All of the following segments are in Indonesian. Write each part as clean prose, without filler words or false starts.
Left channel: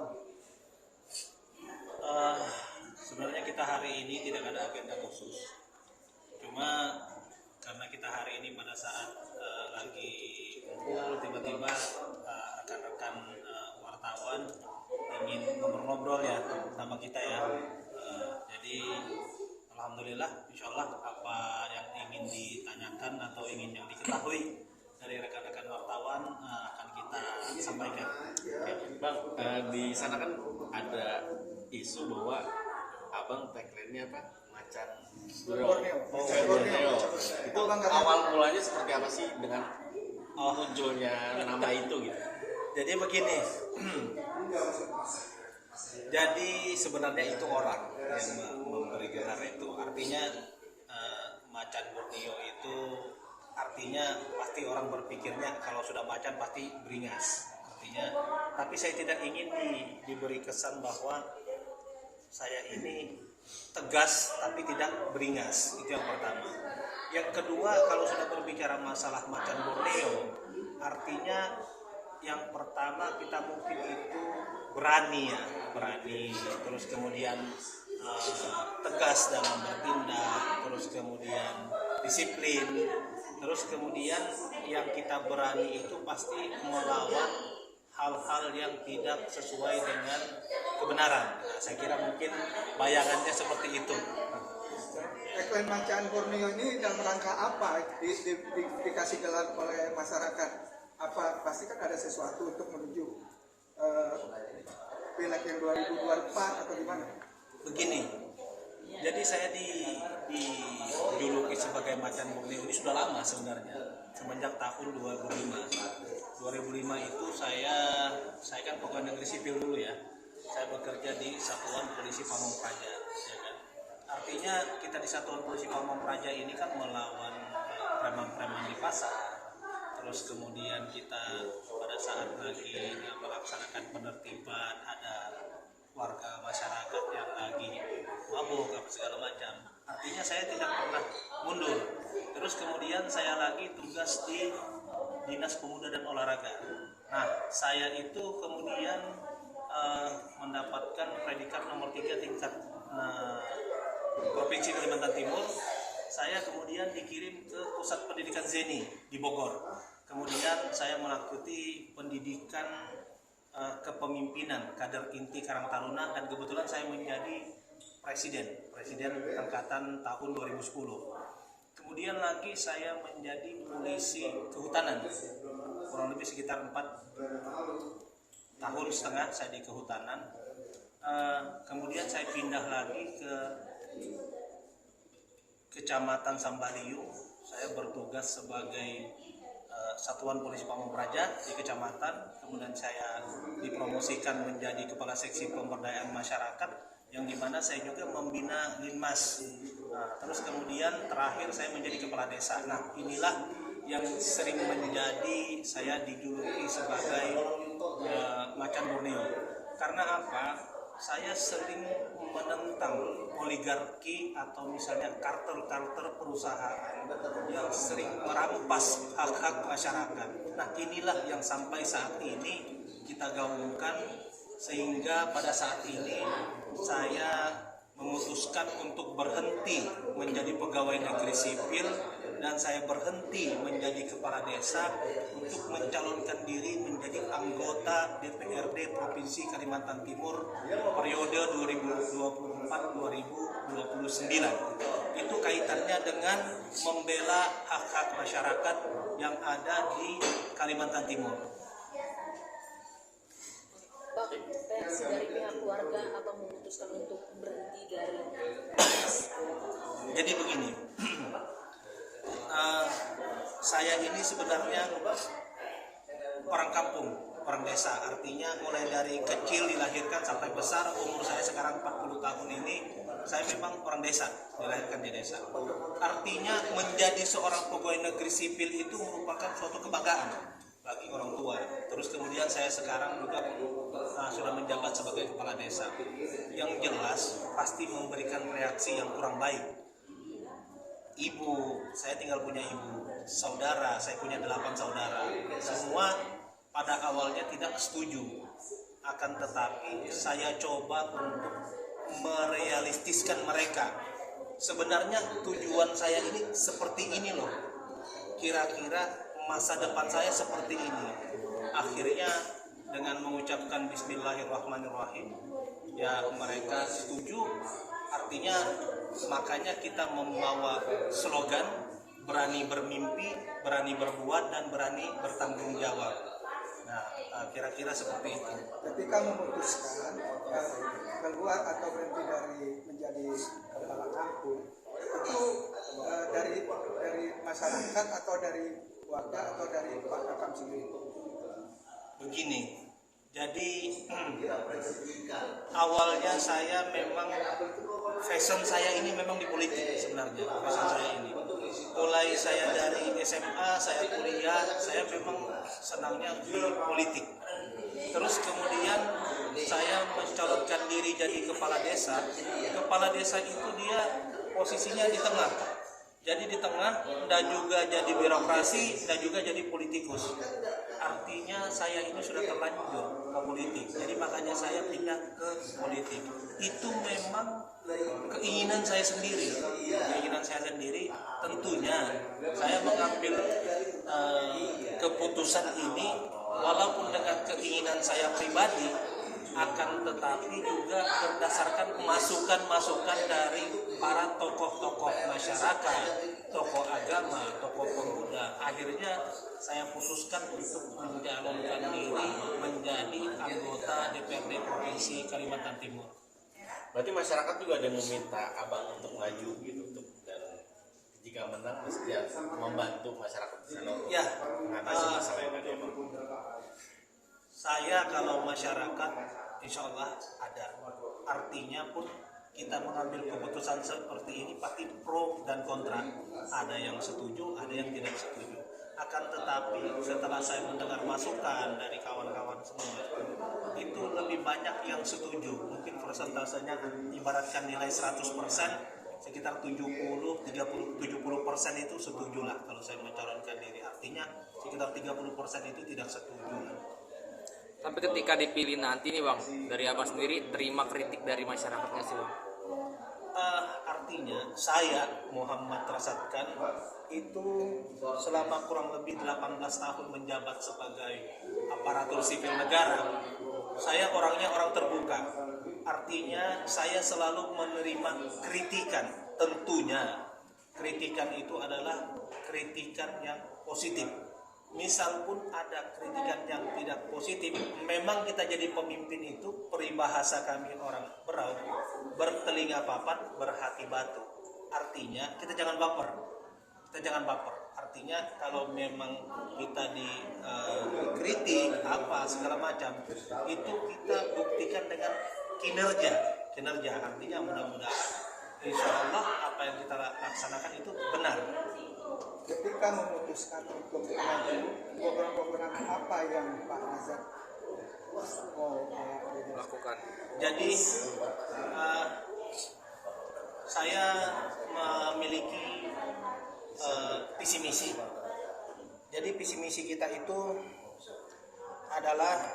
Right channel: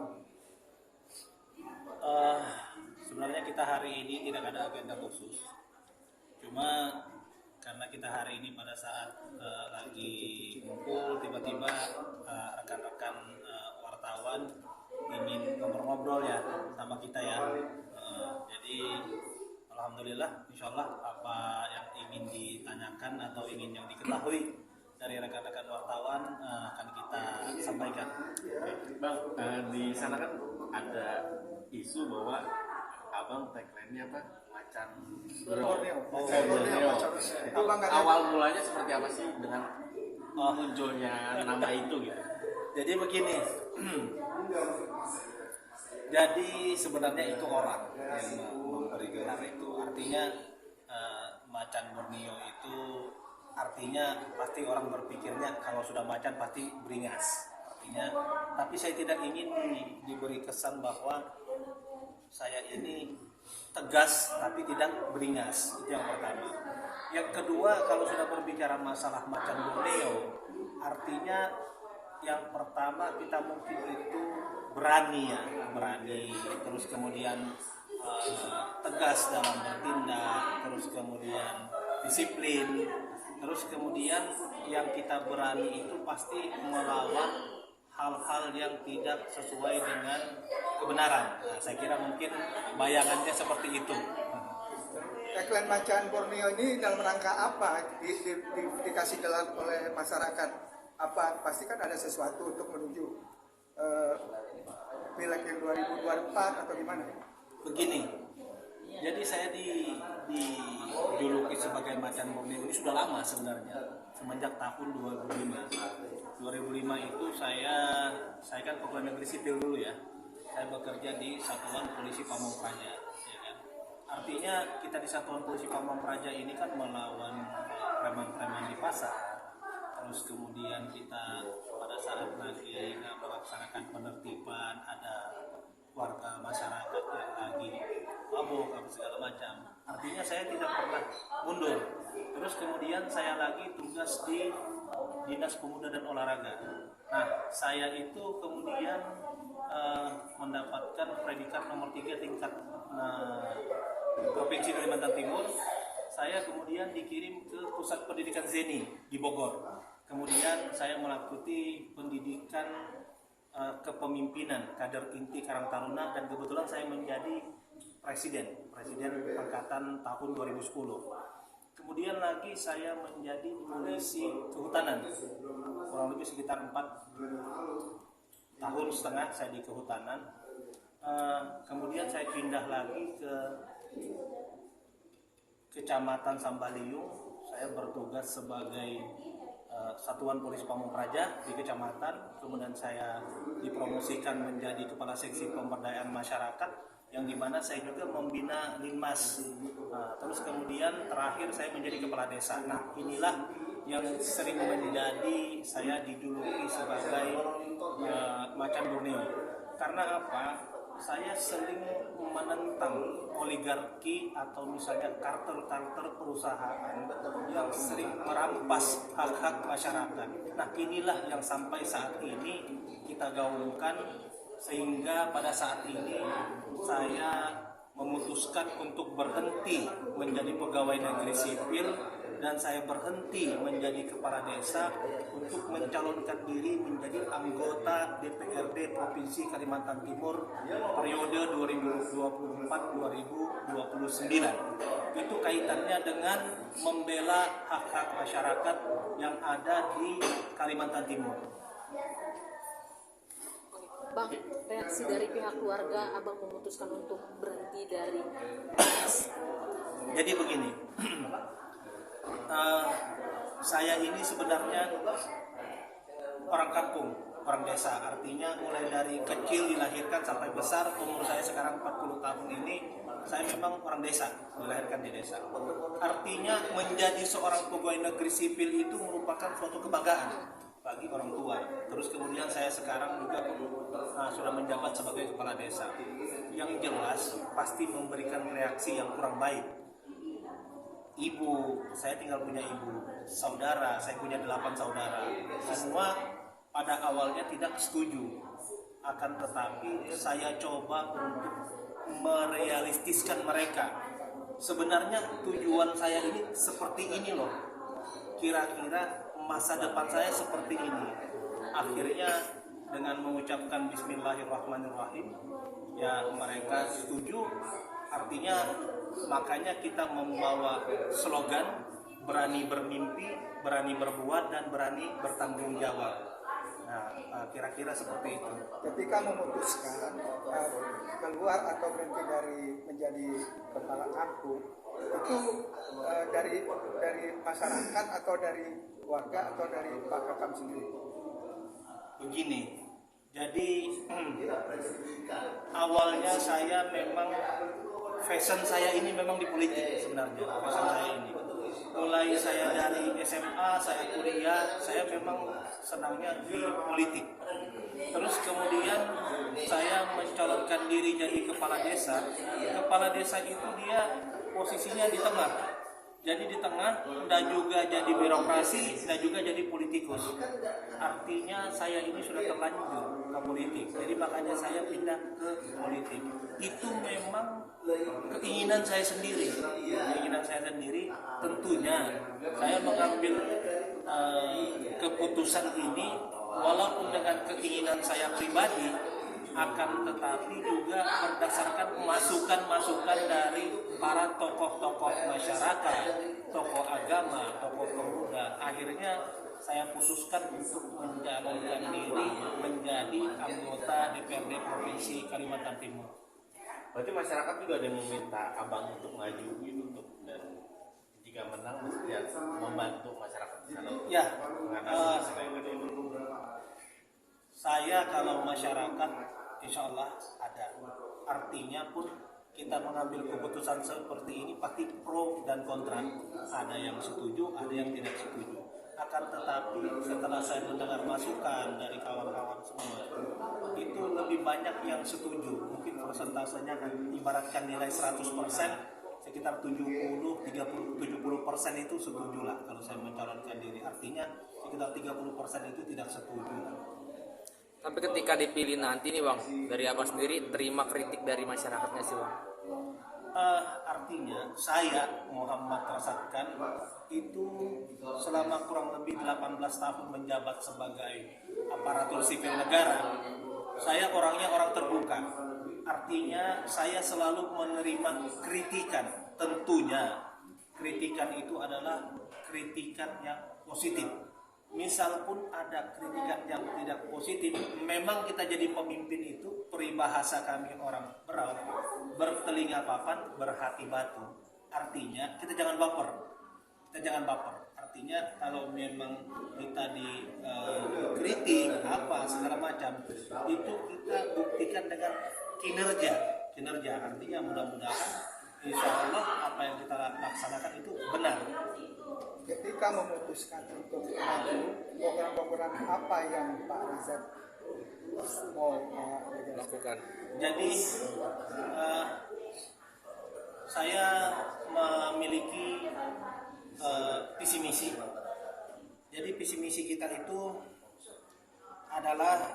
wartawan? Eh, Sebenarnya kita hari ini tidak ada agenda khusus. Cuma karena kita hari ini pada saat lagi ngumpul, tiba-tiba rekan-rekan wartawan ingin ngobrol-ngobrol ya sama kita ya. Jadi alhamdulillah, insyaallah apa yang ingin ditanyakan atau ingin yang diketahui dari rekan-rekan wartawan akan kita sampaikan. Oke, Bang, di sana kan ada isu bahwa Abang tagline-nya apa? Macan Borneo. Borneo. Itu Abang nggak tahu? awal mulanya seperti apa sih dengan munculnya nama itu gitu? Jadi begini, jadi sebenarnya itu orang yang memberi gelar itu. Artinya macan Borneo itu artinya pasti orang berpikirnya kalau sudah macan pasti beringas. Artinya, tapi saya tidak ingin diberi kesan bahwa saya ini tegas tapi tidak beringas. Itu yang pertama. Yang kedua, kalau sudah berbicara masalah macan Borneo, artinya yang pertama kita mungkin itu berani ya, berani, terus kemudian tegas dalam bertindak, terus kemudian disiplin, terus kemudian yang kita berani itu pasti melawan hal-hal yang tidak sesuai dengan kebenaran. Nah, saya kira mungkin bayangannya seperti itu. Tagline macan Borneo ini dalam rangka apa dikasih gelar oleh masyarakat? Apa pasti kan ada sesuatu untuk menuju pileg yang 2024 atau gimana? Begini, jadi saya dijuluki sebagai macan Borneo ini sudah lama sebenarnya, semenjak tahun 2005 itu saya kan pegawai negeri sipil dulu ya. Saya bekerja di Satuan Polisi Pamong Praja, ya kan. Artinya kita di Satuan Polisi Pamong Praja ini kan melawan preman-preman di pasar. Terus kemudian kita pada saat lagi melaksanakan penertiban ada warga masyarakat yang lagi mabuk apa segala macam. Artinya saya tidak pernah mundur. Terus kemudian saya lagi tugas di Dinas Pemuda dan Olahraga. Nah, saya itu kemudian mendapatkan predikat nomor 3 tingkat Provinsi Kalimantan Timur. Saya kemudian dikirim ke Pusat Pendidikan Zeni di Bogor. Kemudian saya mengikuti pendidikan kepemimpinan kader inti Karang Taruna dan kebetulan saya menjadi presiden angkatan tahun 2010. Kemudian lagi saya menjadi polisi kehutanan, kurang lebih sekitar 4,5 tahun saya di kehutanan. Kemudian saya pindah lagi ke Kecamatan Sambaliung. Saya bertugas sebagai Satuan Polisi Pamong Praja di kecamatan. Kemudian saya dipromosikan menjadi Kepala Seksi Pemberdayaan Masyarakat, yang dimana saya juga membina Linmas. Terus kemudian terakhir saya menjadi kepala desa. Nah, inilah yang sering menjadi saya dijuluki sebagai macan Borneo. Karena apa? Saya sering menentang oligarki atau misalnya kartel-kartel perusahaan yang sering merampas hak-hak masyarakat. Nah, inilah yang sampai saat ini kita gaungkan, sehingga pada saat ini saya memutuskan untuk berhenti menjadi pegawai negeri sipil dan saya berhenti menjadi kepala desa untuk mencalonkan diri menjadi anggota DPRD Provinsi Kalimantan Timur periode 2024-2029. Itu kaitannya dengan membela hak-hak masyarakat yang ada di Kalimantan Timur. Bang, reaksi dari pihak keluarga Abang memutuskan untuk berhenti dari Jadi begini, saya ini sebenarnya orang kampung, orang desa. Artinya mulai dari kecil dilahirkan sampai besar, umur saya sekarang 40 tahun ini, saya memang orang desa, dilahirkan di desa. Artinya menjadi seorang pegawai negeri sipil itu merupakan suatu kebanggaan bagi orang tua. Terus kemudian saya sekarang juga sudah menjabat sebagai kepala desa. Yang jelas pasti memberikan reaksi yang kurang baik. Ibu, saya tinggal punya ibu, saudara, saya punya 8 saudara. Semua pada awalnya tidak setuju. akan tetapi saya coba untuk merealistiskan mereka. Sebenarnya tujuan saya ini seperti ini loh, kira-kira masa depan saya seperti ini. Akhirnya dengan mengucapkan Bismillahirrahmanirrahim, ya mereka setuju. Artinya makanya kita membawa slogan berani bermimpi, berani berbuat, dan berani bertanggung jawab. Nah, kira-kira seperti itu. Ketika memutuskan keluar atau berhenti dari menjadi kepala kampung, itu dari masyarakat atau dari warga atau dari Pak Kakam sendiri? Begini, jadi awalnya saya memang fashion saya ini memang di politik sebenarnya. Fashion saya ini mulai saya dari SMA, saya kuliah, saya memang senangnya di politik. Terus kemudian saya mencalonkan diri jadi kepala desa. Kepala desa itu dia posisinya di tengah. Jadi di tengah, dan juga jadi birokrasi, dan juga jadi politikus. Artinya saya ini sudah terlanjur ke politik. Jadi makanya saya pindah ke politik. Itu memang keinginan saya sendiri. Keinginan saya sendiri, tentunya saya mengambil keputusan ini walaupun dengan keinginan saya pribadi, akan tetapi juga berdasarkan masukan-masukan dari para tokoh-tokoh masyarakat, tokoh agama, tokoh pemuda. Akhirnya saya putuskan untuk mencalonkan diri menjadi anggota DPRD Provinsi Kalimantan Timur. Berarti masyarakat juga ada yang meminta abang untuk maju gitu, dan jika menang mesti membantu masyarakat di sana untuk Ya, mengatasi masalah yang ada. saya kalau masyarakat insya Allah ada. Artinya pun kita mengambil keputusan seperti ini pasti pro dan kontra. Ada yang setuju, ada yang tidak setuju. Akan tetapi setelah saya mendengar masukan dari kawan-kawan semua, itu lebih banyak yang setuju. Mungkin persentasenya ibaratkan nilai 100%, sekitar 70% itu setuju lah kalau saya mencalonkan diri. Artinya sekitar 30% itu tidak setuju lah. Tapi ketika dipilih nanti nih Bang, dari Abang sendiri terima kritik dari masyarakatnya sih Bang? Artinya saya Muhammad Rasatkan itu selama kurang lebih 18 tahun menjabat sebagai aparatur sipil negara, saya orangnya orang terbuka. Artinya saya selalu menerima kritikan. Tentunya kritikan itu adalah kritikan yang positif. Misal pun ada kritikan yang tidak positif, memang kita jadi pemimpin itu peribahasa kami orang Berau, bertelinga papan, berhati batu. Artinya kita jangan baper. Artinya kalau memang kita dikritik apa segala macam, itu kita buktikan dengan kinerja. Artinya mudah-mudahan insya Allah apa yang kita laksanakan itu benar. Ketika memutuskan untuk maju, program-program apa yang Pak Razak mau Lakukan. Jadi saya memiliki visi misi. Jadi visi misi kita itu adalah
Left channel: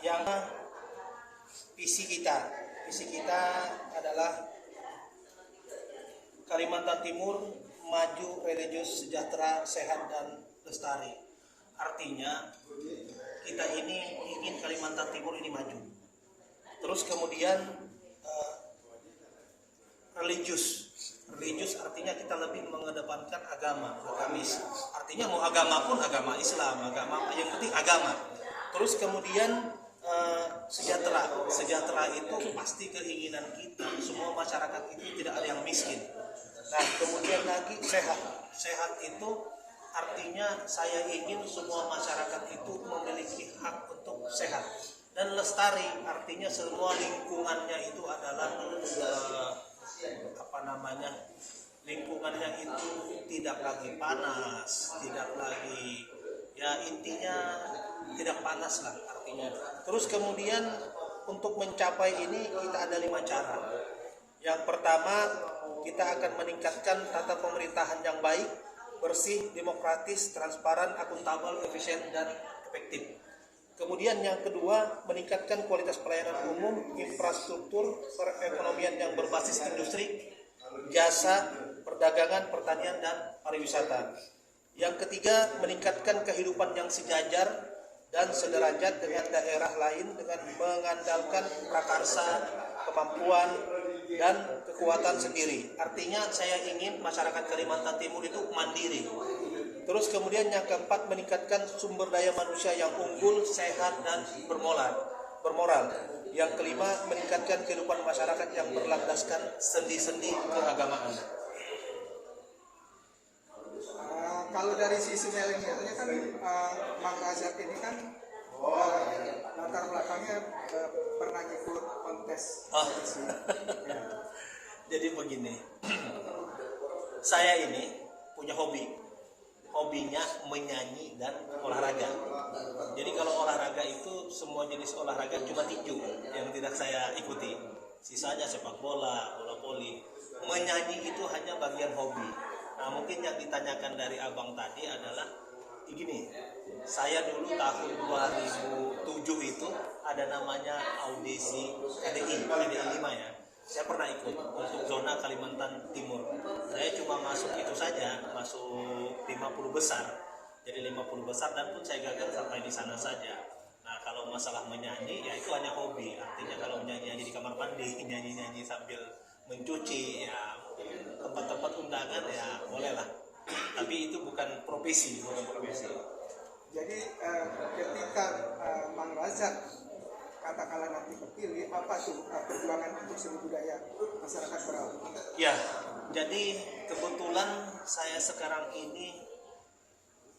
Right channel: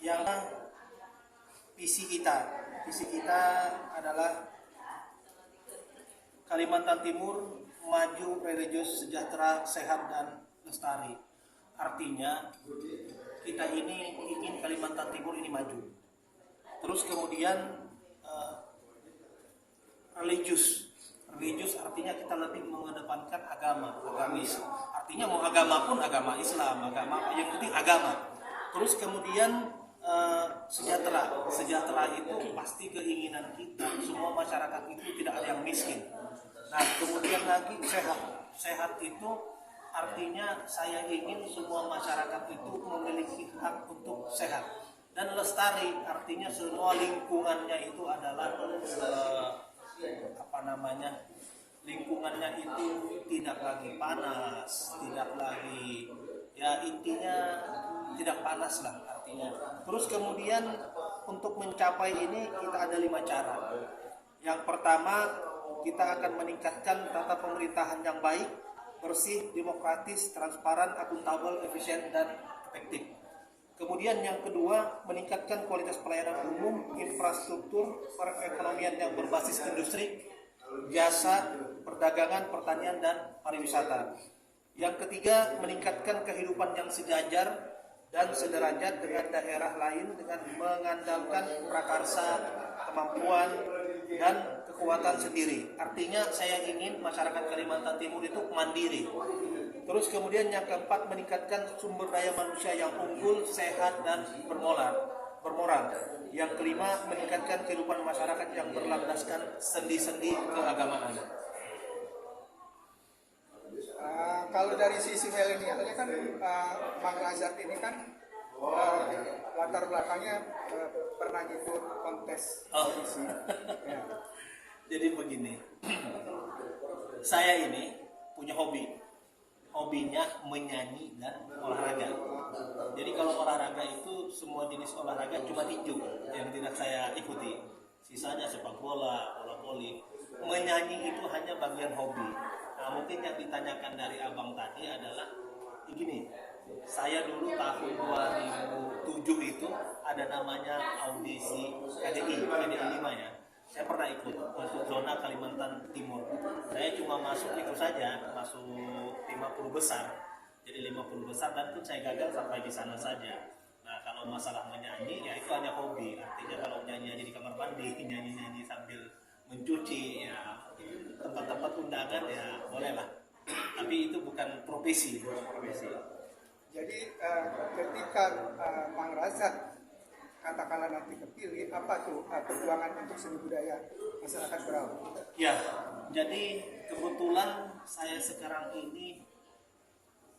yang visi kita adalah Kalimantan Timur maju, religius, sejahtera, sehat, dan lestari. Artinya kita ini ingin Kalimantan Timur ini maju. Terus kemudian religius artinya kita lebih mengedepankan agamis. Artinya mau agama pun agama Islam, agama apa, yang penting agama. Terus kemudian sejahtera itu pasti keinginan kita, semua masyarakat itu tidak ada yang miskin. Nah kemudian lagi sehat itu artinya saya ingin semua masyarakat itu memiliki hak untuk sehat. Dan lestari artinya semua lingkungannya itu adalah lingkungannya itu tidak lagi panas, tidak lagi, ya intinya tidak panas lah artinya. Terus kemudian untuk mencapai ini kita ada 5 cara. Yang pertama, kita akan meningkatkan tata pemerintahan yang baik, bersih, demokratis, transparan, akuntabel, efisien, dan efektif. Kemudian yang kedua, meningkatkan kualitas pelayanan umum, infrastruktur, perekonomian yang berbasis industri, jasa, perdagangan, pertanian, dan pariwisata. Yang ketiga, meningkatkan kehidupan yang sejajar dan sederajat dengan daerah lain dengan mengandalkan prakarsa, kemampuan, dan kekuatan sendiri. Artinya saya ingin masyarakat Kalimantan Timur itu mandiri. Terus kemudian yang keempat, meningkatkan sumber daya manusia yang unggul, sehat, dan bermoral. Yang kelima, meningkatkan kehidupan masyarakat yang berlandaskan sendi-sendi keagamaan. Kalau dari sisi milenialnya kan Mang Razak ini kan latar belakangnya pernah ikut kontes audisi. Ya. Jadi begini, saya ini punya hobinya menyanyi dan olahraga. Jadi kalau olahraga itu semua jenis olahraga cuma tinju yang tidak saya ikuti. Sisanya sepak bola, bola voli. Menyanyi itu hanya bagian hobi. Nah, mungkin yang ditanyakan dari abang tadi adalah begini. Saya dulu tahun 2007 itu ada namanya audisi KDI 5 ya. Saya pernah ikut untuk zona Kalimantan Timur. Saya cuma masuk itu saja, masuk 50 besar. Jadi 50 besar dan pun saya gagal sampai di sana saja. Nah, kalau masalah menyanyi ya itu hanya hobi. Artinya kalau nyanyi di kamar mandi, nyanyi sambil mencuci ya tempat-tempat undangan ya bolehlah. Tapi itu bukan profesi. Jadi ketika Mang Razak katakanlah nanti kepilih, apa tuh perjuangan untuk seni budaya masyarakat Berau? Ya, jadi kebetulan saya sekarang ini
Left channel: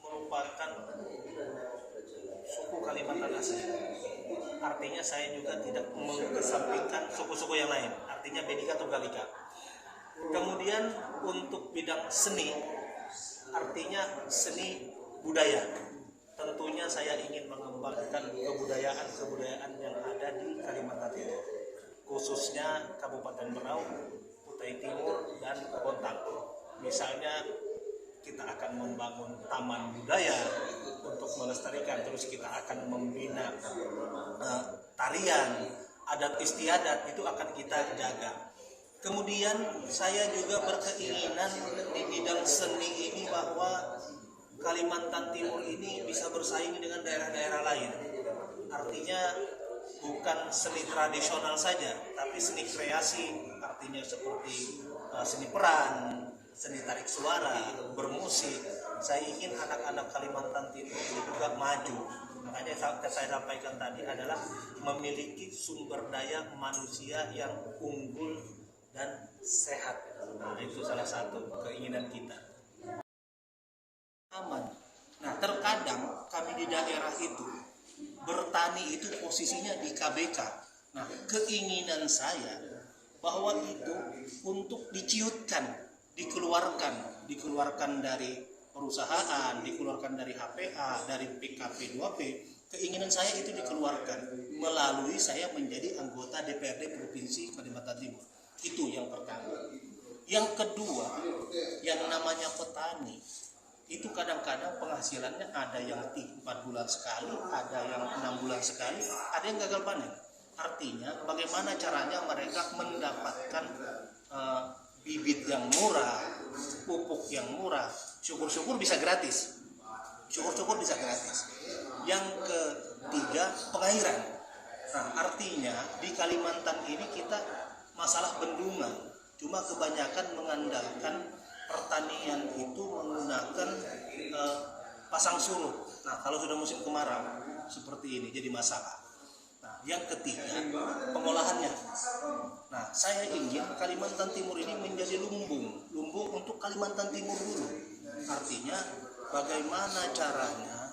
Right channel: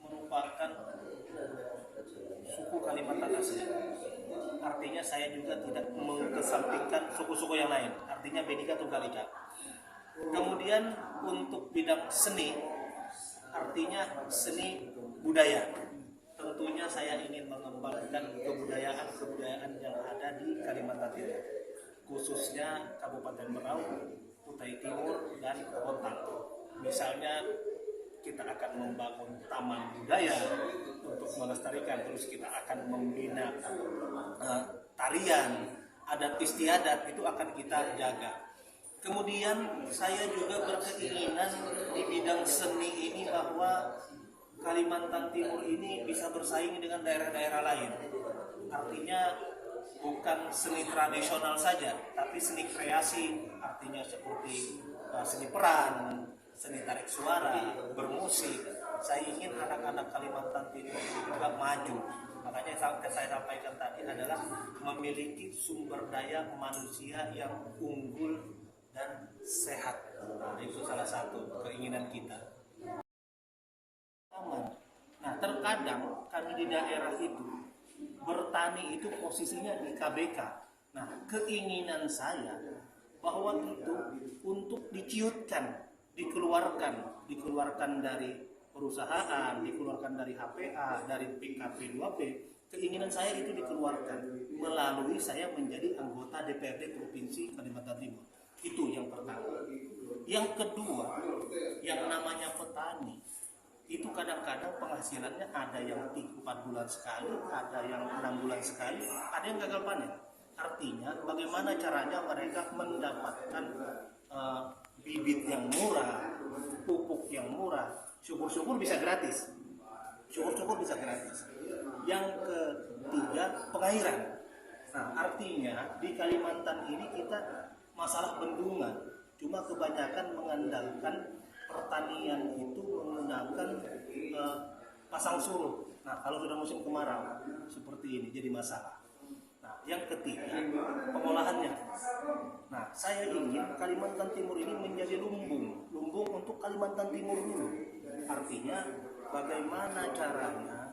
merupakan suku Kalimantan asli. Artinya saya juga tidak mengesampingkan suku-suku yang lain. Artinya Bhinneka Tunggal Ika. Kemudian untuk bidang seni, artinya seni budaya. Tentunya saya ingin mengembangkan kebudayaan yang ada di Kalimantan Timur, khususnya Kabupaten Berau, Kutai Timur, dan Bontang. Misalnya kita akan membangun taman budaya untuk melestarikan, terus kita akan membina tarian, adat istiadat itu akan kita jaga. Kemudian saya juga berkeinginan di bidang seni ini bahwa Kalimantan Timur ini bisa bersaing dengan daerah-daerah lain. Artinya bukan seni tradisional saja, tapi seni kreasi, artinya seperti seni peran, seni tarik suara, bermusik. Saya ingin anak-anak Kalimantan Timur ini juga maju. Makanya yang saya sampaikan tadi adalah memiliki sumber daya manusia yang unggul dan sehat. Nah, itu salah satu keinginan kita. Aman. Nah, terkadang kami di daerah itu bertani itu posisinya di KBK. Nah, keinginan saya bahwa itu untuk diciutkan, dikeluarkan dari perusahaan, dikeluarkan dari HPA, dari PKP 2P. Keinginan saya itu dikeluarkan melalui saya menjadi anggota DPRD Provinsi Kalimantan Timur. Itu yang pertama. Yang kedua, yang namanya petani itu kadang-kadang penghasilannya ada yang 4 bulan sekali, ada yang 6 bulan sekali, ada yang gagal panen. Artinya bagaimana caranya mereka mendapatkan bibit yang murah, pupuk yang murah, syukur-syukur bisa gratis. Yang ketiga, pengairan. Nah, artinya di Kalimantan ini kita masalah bendungan, cuma kebanyakan mengandalkan pertanian itu menggunakan pasang surut. Nah, kalau sudah musim kemarau seperti ini jadi masalah. Nah, yang ketiga, pengolahannya. Nah, saya ingin Kalimantan Timur ini menjadi lumbung untuk Kalimantan Timur dulu. Artinya bagaimana caranya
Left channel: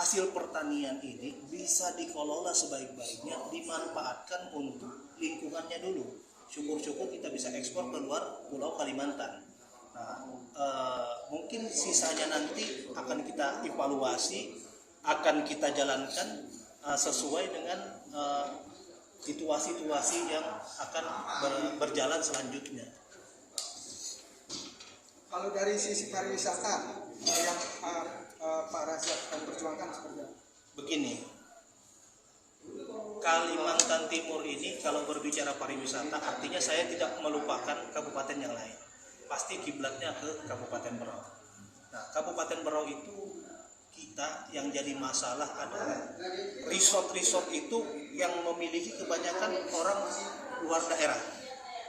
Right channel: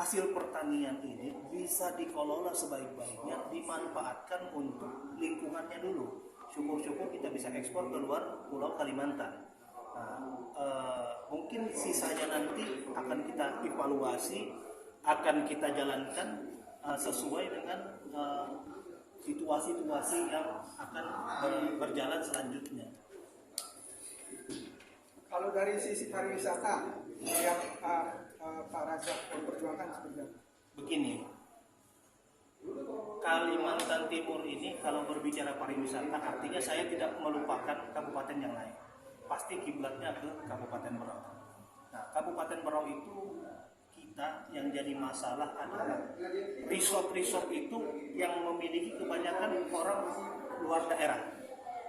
hasil pertanian ini bisa dikelola sebaik-baiknya, dimanfaatkan untuk lingkungannya dulu. Syukur-syukur kita bisa ekspor ke luar Pulau Kalimantan. Nah, mungkin sisanya nanti akan kita evaluasi, akan kita jalankan sesuai dengan situasi-situasi yang akan berjalan selanjutnya. Kalau dari sisi pariwisata yang Pak Razak memperjuangkan seperti apa? Begini, Kalimantan Timur ini kalau berbicara pariwisata artinya saya tidak melupakan kabupaten yang lain. Pasti kiblatnya ke Kabupaten Berau. Nah, Kabupaten Berau itu kita yang jadi masalah adalah resort-resort itu yang memiliki kebanyakan orang luar daerah.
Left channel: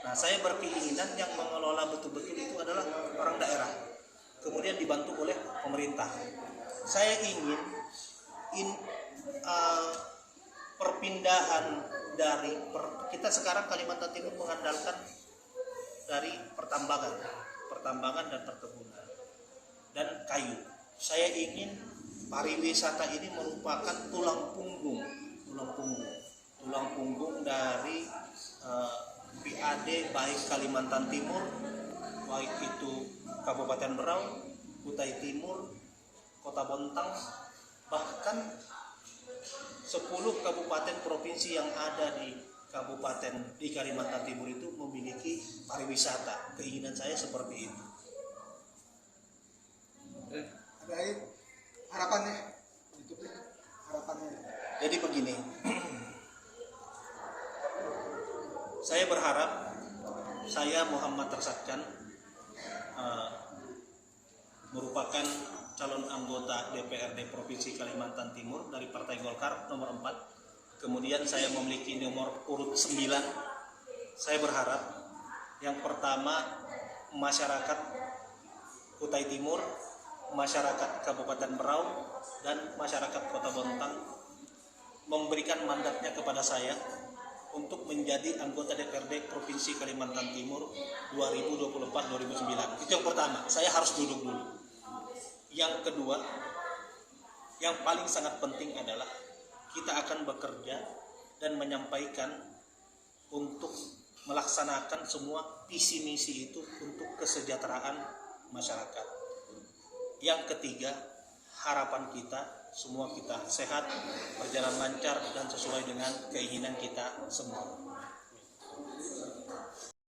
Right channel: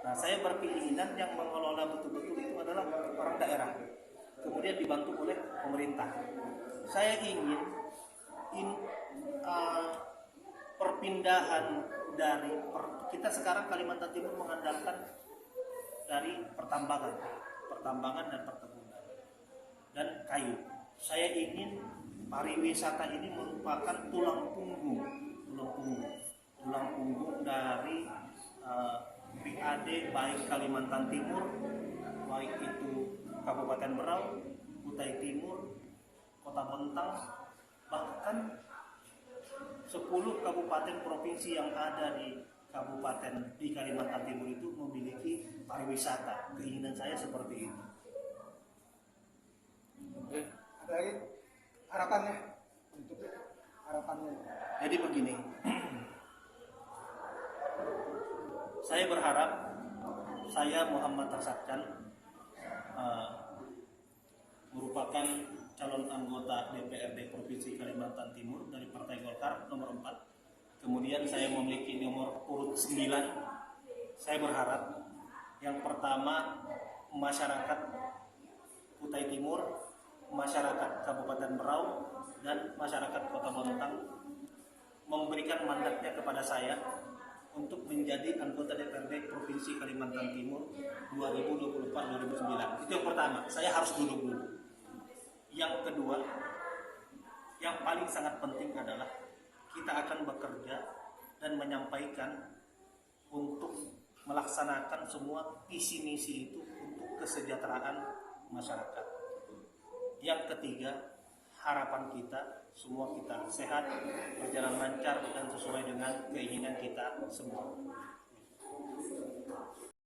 Nah, saya berkeinginan yang mengelola betul-betul itu adalah orang daerah. Kemudian dibantu oleh pemerintah. Saya ingin perpindahan dari kita sekarang Kalimantan Timur mengandalkan dari pertambangan dan perkebunan dan kayu. Saya ingin pariwisata ini merupakan tulang punggung dari PAD baik Kalimantan Timur, baik itu Kabupaten Berau, Kutai Timur, Kota Bontang, bahkan 10 kabupaten provinsi yang ada di Kalimantan Timur itu memiliki pariwisata. Keinginan saya seperti itu. Baik, harapannya untuk harapannya. Jadi begini, saya berharap saya Muhammad Tersatkan merupakan calon anggota DPRD Provinsi Kalimantan Timur dari Partai Golkar nomor 4. Kemudian saya memiliki nomor urut 9. Saya berharap yang pertama masyarakat Kutai Timur, masyarakat Kabupaten Berau, dan masyarakat Kota Bontang memberikan mandatnya kepada saya untuk menjadi anggota DPRD Provinsi Kalimantan Timur 2024-2029. Itu yang pertama, saya harus duduk dulu. Yang kedua, yang paling sangat penting adalah kita akan bekerja dan menyampaikan untuk melaksanakan semua visi misi itu untuk kesejahteraan masyarakat. Yang ketiga, harapan kita semua kita sehat, berjalan lancar dan sesuai dengan keinginan kita semua.